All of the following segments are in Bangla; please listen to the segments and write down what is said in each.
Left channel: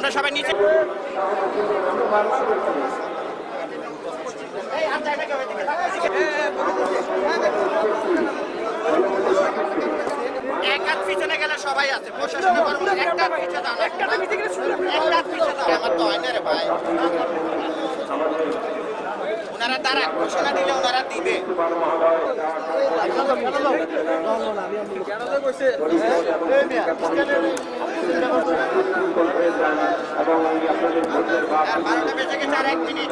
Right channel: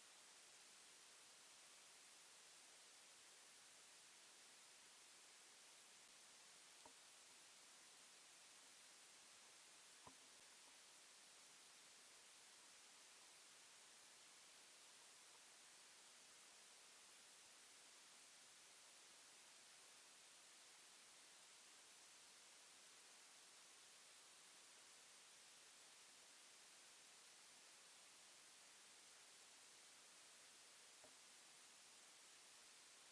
আমরা সবাই নিচে এক হাত পিছনে গেলে সবাই আছে প্রশাসনের কর্মকর্তা একটা পিছনে দাও একটা পিছনে দাও আমার তো হয় না রে ভাই ওনারা তারা ঘোষণা দিলে ওনারা দিবে বারোটা বেজে গেছে আর 1 মিনিট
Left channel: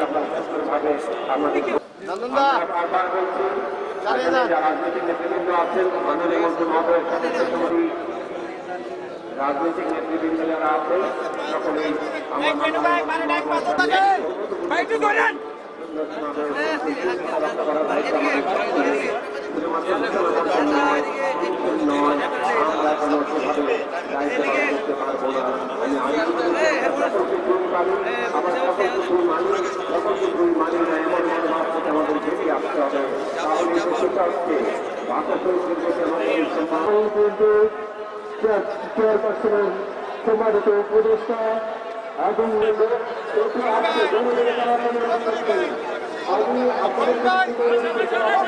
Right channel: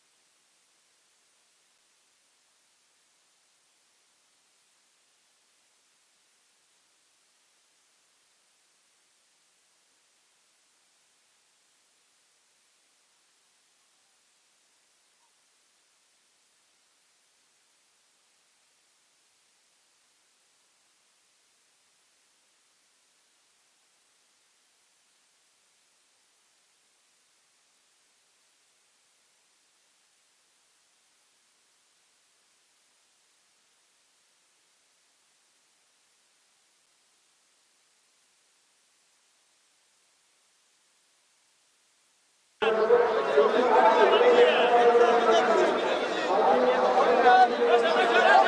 রাজনৈতিক নেতৃবৃন্দ যারা আছে সকলেই চেয়ারপারসনের সম্মানিত উপদেষ্টা এবং আমি আপনাদের